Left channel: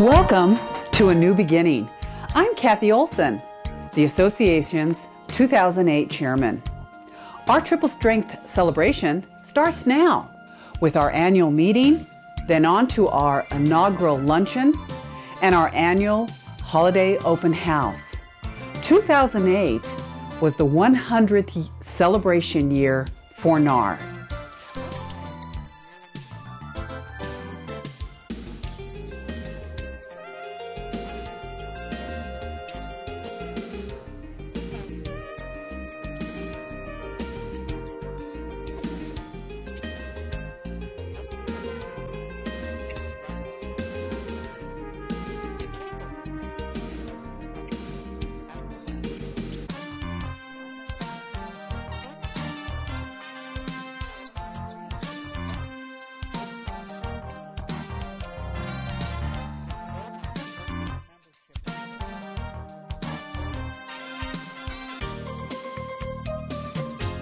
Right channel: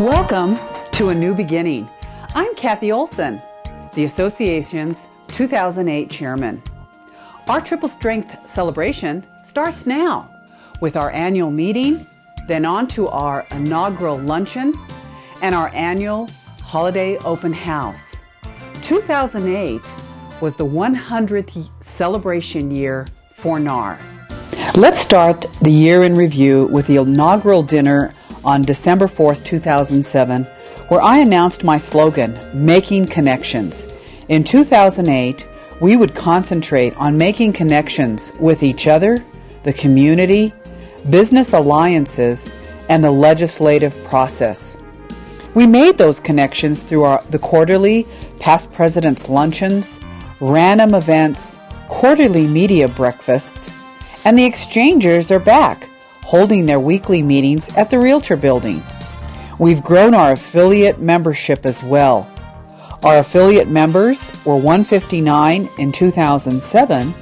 Welcome to A New Beginning. I'm Kathy Olson, the association's 2008 chairman. Our triple strength celebration starts now with our annual meeting, then on to our inaugural luncheon and our annual holiday open house. 2008 was the 100th celebration year for NAR. Let's start the year in review with the inaugural dinner on December 4th, 2007, where I announced my slogan, Making Connections. In 2008, we would concentrate on making connections with each other, the community, business alliances, and the legislative process. We made those connections through the quarterly past presidents' luncheons, random events, quarterly media breakfasts, and the exchangers are back, holding their weekly meetings at the Realtor building. We've grown our affiliate membership as well. Our affiliate members were 159 in 2007,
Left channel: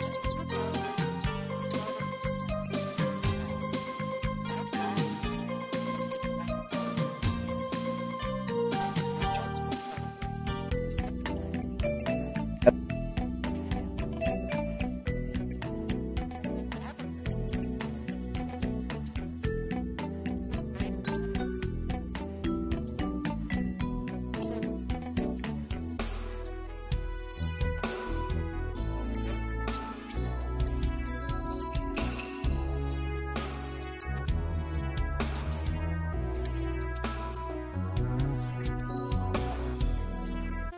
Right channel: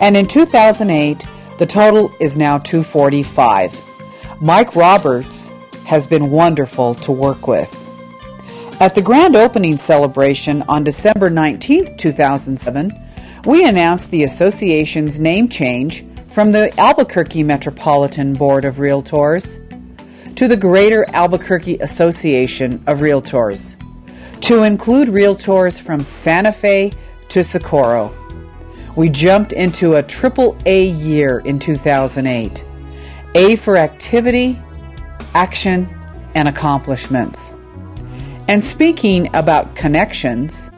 and in 2008, the total is now 245. Mike Roberts has been wonderful to work with. At the grand opening celebration on December 19, 2007, we announced the association's name change from the Albuquerque Metropolitan Board of Realtors to the Greater Albuquerque Association of Realtors, to include realtors from Santa Fe to Socorro. We jumped into a triple A year in 2008. A for activity, action, and accomplishments. And speaking about connections,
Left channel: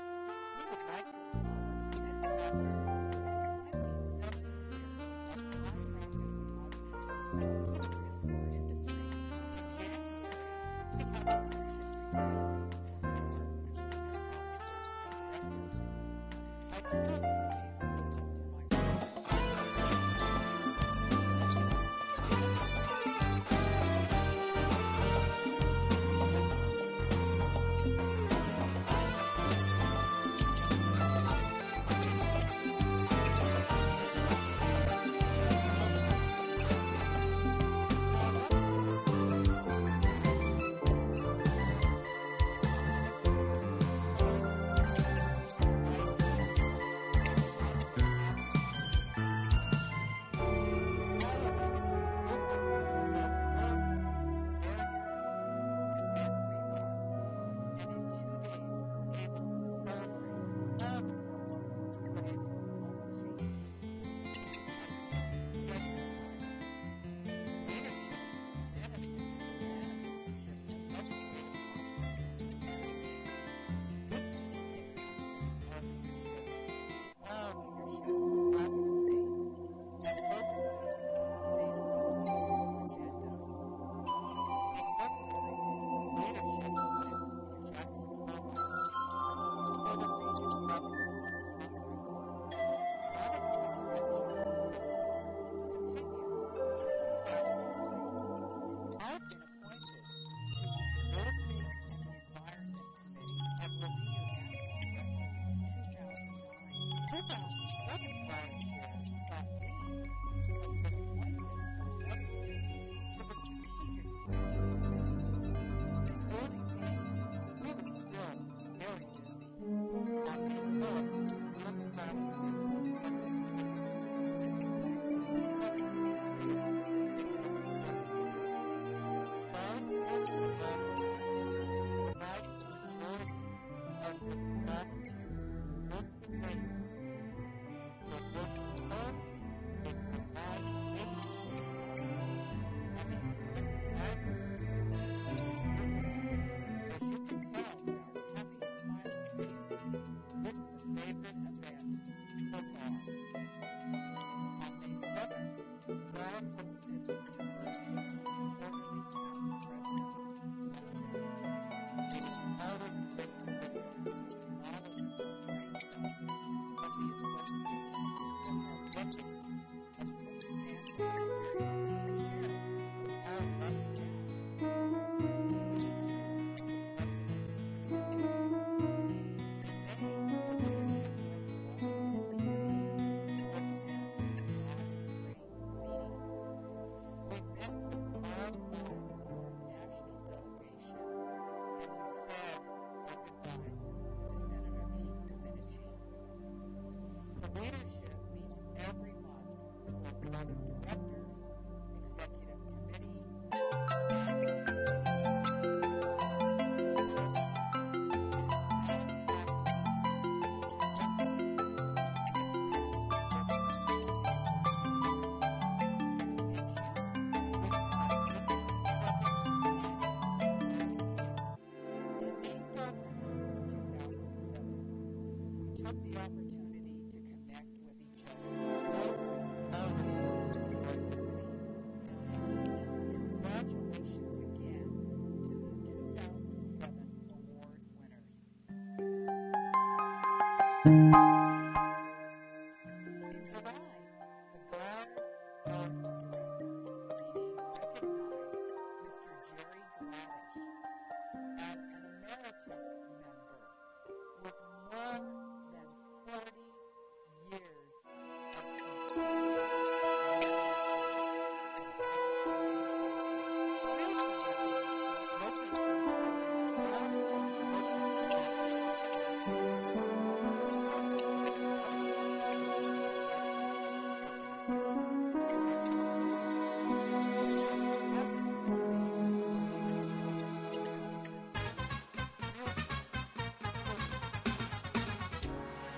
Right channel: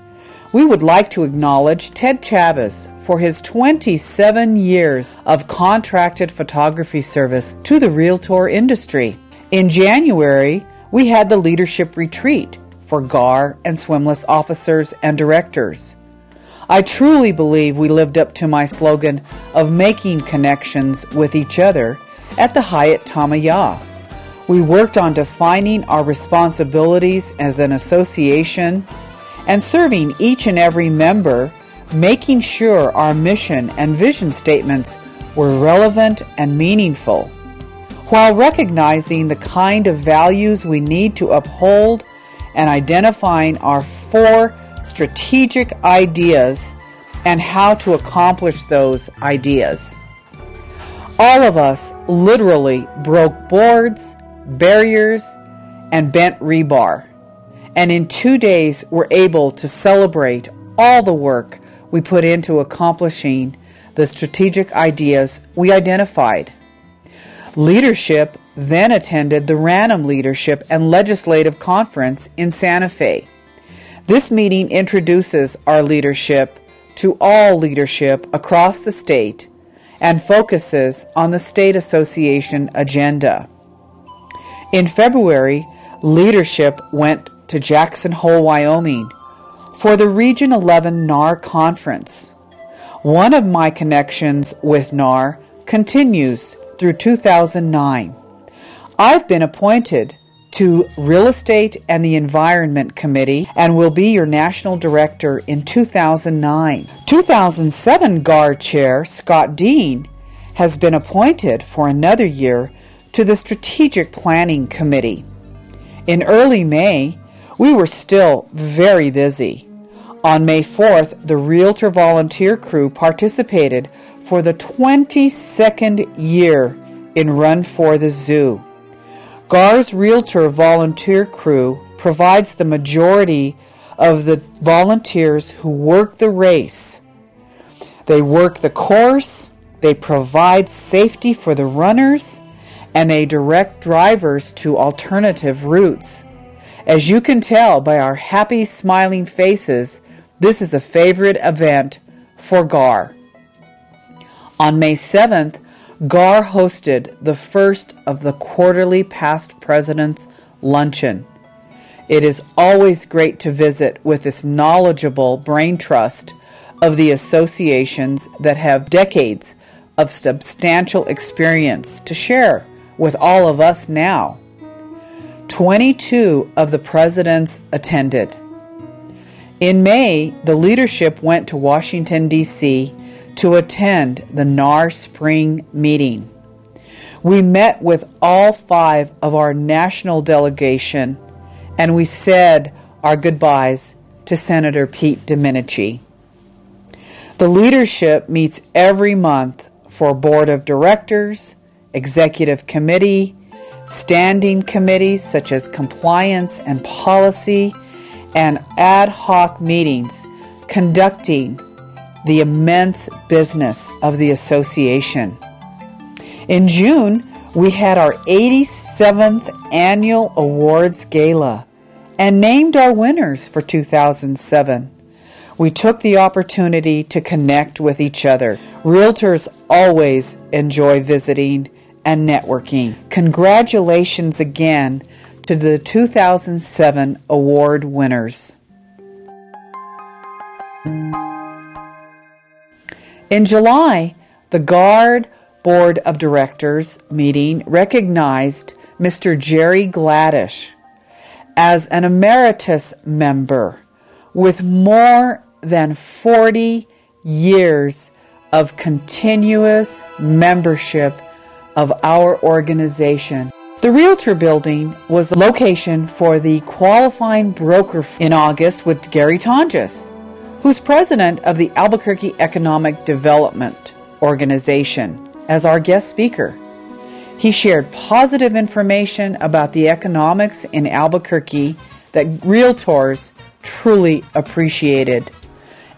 we would like to acknowledge Ted Chavez for his 27 years of contracted photography service to the realtor industry. In January, we had the leadership retreat for GAR and swimless officers and directors. I truly believe we lived up to my slogan of making connections with each other at the Hyatt Tamaya. We worked on defining our responsibilities as an association and serving each and every member, making sure our mission and vision statements were relevant and meaningful, while recognizing the kind of values we need to uphold and identifying our 4 strategic ideas and how to accomplish those ideas. All of us literally broke boards, barriers, and bent rebar, and in 2 days were able to celebrate all the work we put into accomplishing the strategic ideas we identified. Leadership then attended the Random Leadership and Legislative Conference in Santa Fe. This meeting introduces our leadership to all leadership across the state and focuses on the state association agenda. In February, leadership went to Jackson Hole, Wyoming for the Region 11 NAR conference. One of my connections with NAR continues through 2009. I've been appointed to Real Estate and the Environment Committee and will be your national director in 2009. 2007 GAR Chair Scott Dean has been appointed for another year to the Strategic Planning Committee. In early May, we were still very busy. On May 4th, the Realtor Volunteer Crew participated for the 22nd year in Run for the Zoo. GAR's Realtor Volunteer Crew provides the majority of the volunteers who work the race. They work the course, they provide safety for the runners, and they direct drivers to alternative routes. As you can tell by our happy, smiling faces, this is a favorite event for GAR. On May 7th, GAR hosted the first of the quarterly past presidents luncheon. It is always great to visit with this knowledgeable brain trust of the associations that have decades of substantial experience to share with all of us now. 22 of the presidents attended. In May, the leadership went to Washington, D.C. to attend the NAR Spring Meeting. We met with all 5 of our national delegation and we said our goodbyes to Senator Pete Domenici. The leadership meets every month for board of directors, executive committee, standing committees such as compliance and policy, and ad hoc meetings conducting the immense business of the association. In June, we had our 87th annual awards gala and named our winners for 2007. We took the opportunity to connect with each other. Realtors always enjoy visiting and networking. Congratulations again to the 2007 award winners. In July, the GARD Board of Directors meeting recognized Mr. Jerry Gladish as an emeritus member with more than 40 years of continuous membership of our organization. The Realtor Building was the location for the qualifying broker in August with Gary Tonjes, who's president of the Albuquerque Economic Development Organization, as our guest speaker. He shared positive information about the economics in Albuquerque that Realtors truly appreciated,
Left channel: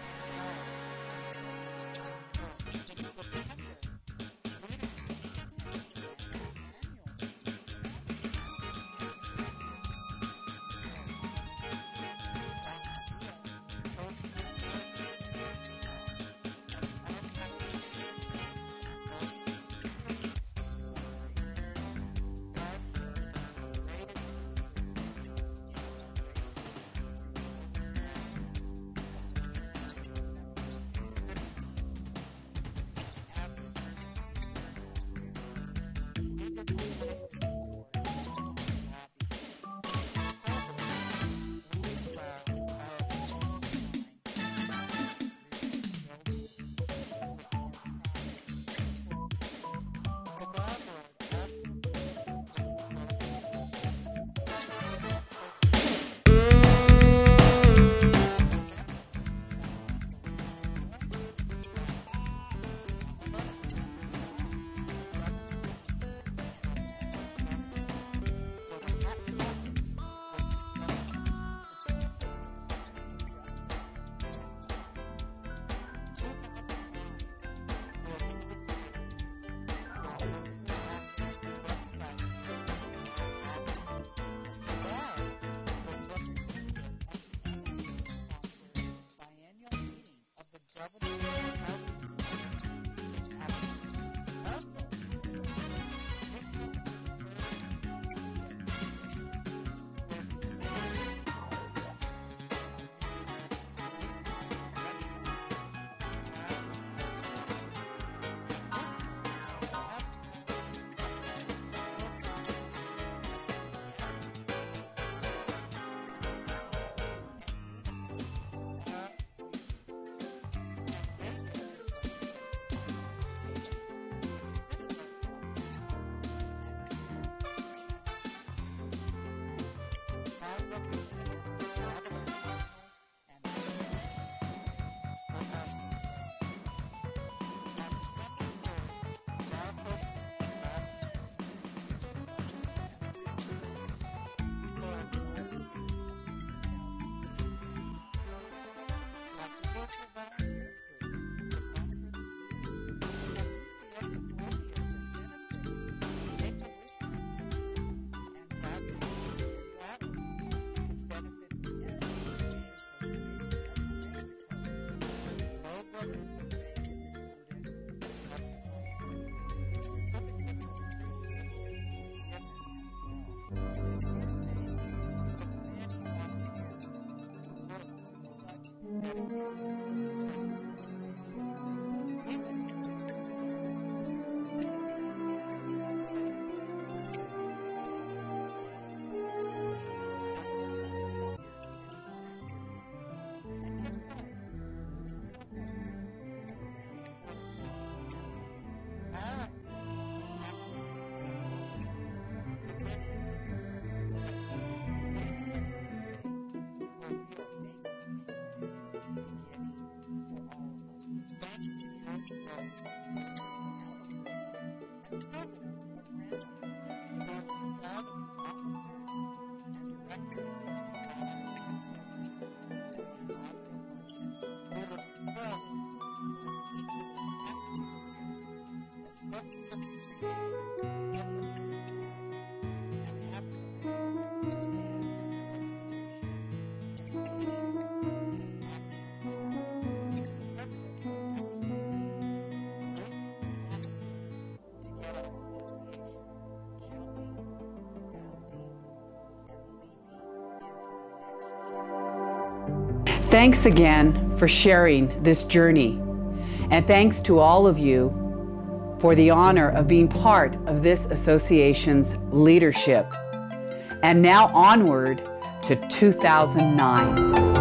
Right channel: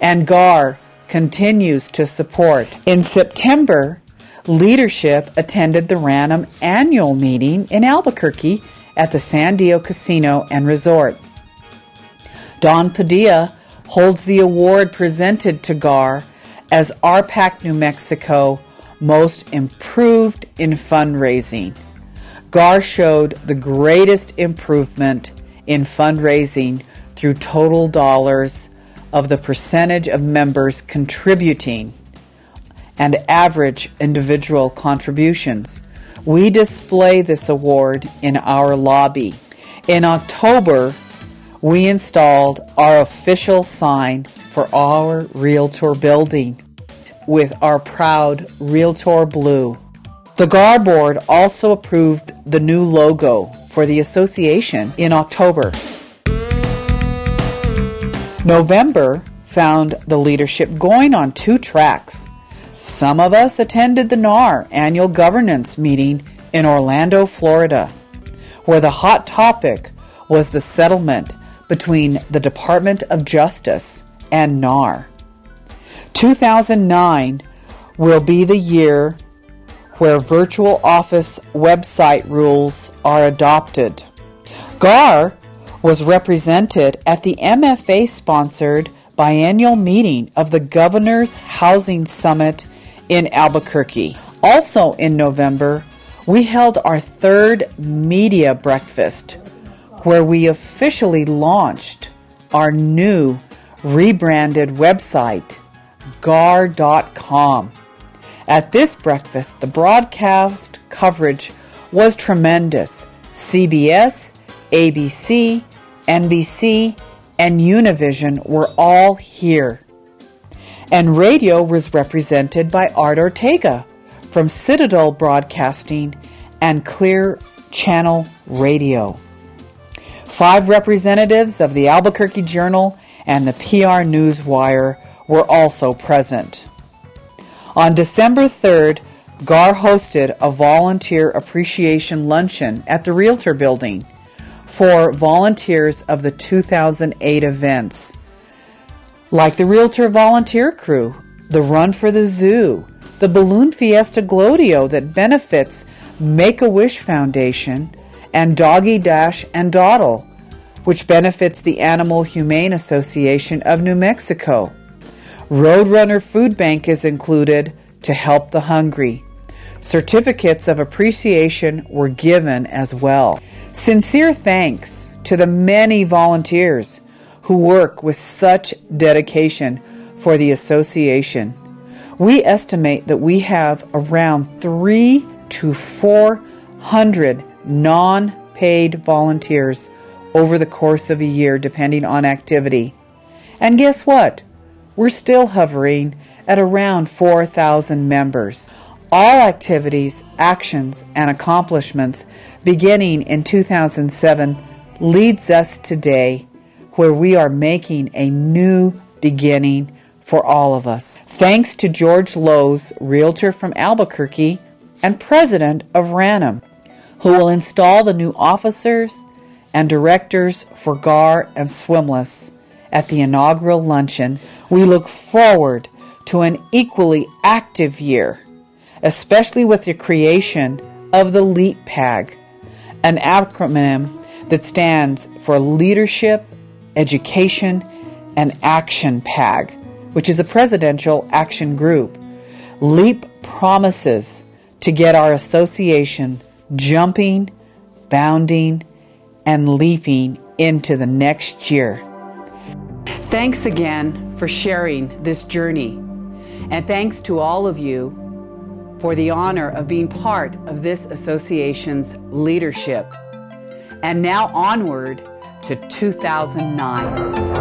and GAR continues to support. In September, leadership attended the Random annual meeting in Albuquerque at the San Diego Casino and Resort. Don Padilla holds the award presented to GAR as RPAC New Mexico Most Improved in Fundraising. GAR showed the greatest improvement in fundraising through total dollars of the percentage of members contributing and average individual contributions. We display this award in our lobby. In October, we installed our official sign for our Realtor Building with our proud Realtor Blue. The GAR board also approved the new logo for the association in October. November found the leadership going on two tracks. Some of us attended the NAR annual governance meeting in Orlando, Florida, where the hot topic was the settlement between the Department of Justice and NAR. 2009 will be the year where virtual office website rules are adopted. GAR was represented at the MFA-sponsored biennial meeting of the Governor's Housing Summit in Albuquerque. Also in November, we held our third media breakfast, where we officially launched our new rebranded website, gar.com. At this breakfast, the broadcast coverage was tremendous. CBS, ABC, NBC, and Univision were all here. And radio was represented by Art Ortega from Citadel Broadcasting and Clear Channel Radio. 5 representatives of the Albuquerque Journal and the PR Newswire were also present. On December 3rd, GAR hosted a volunteer appreciation luncheon at the Realtor Building for volunteers of the 2008 events, like the Realtor Volunteer Crew, the Run for the Zoo, the Balloon Fiesta Glodio that benefits Make-A-Wish Foundation, and Doggy Dash and Dawdle, which benefits the Animal Humane Association of New Mexico. Roadrunner Food Bank is included to help the hungry. Certificates of appreciation were given as well. Sincere thanks to the many volunteers who work with such dedication for the association. We estimate that we have around 300 to 400 non-paid volunteers over the course of a year, depending on activity. And guess what? We're still hovering at around 4,000 members. All activities, actions, and accomplishments beginning in 2007 leads us today where we are making a new beginning for all of us. Thanks to George Lowe's, realtor from Albuquerque and president of Ranum, who will install the new officers and directors for GAR and Swimless at the inaugural luncheon. We look forward to an equally active year, especially with the creation of the LEAP PAG, an acronym that stands for Leadership, Education, and Action PAG, which is a presidential action group. LEAP promises to get our association jumping, bounding, and leaping into the next year. Thanks again for sharing this journey, and thanks to all of you for the honor of being part of this association's leadership. And now onward to 2009.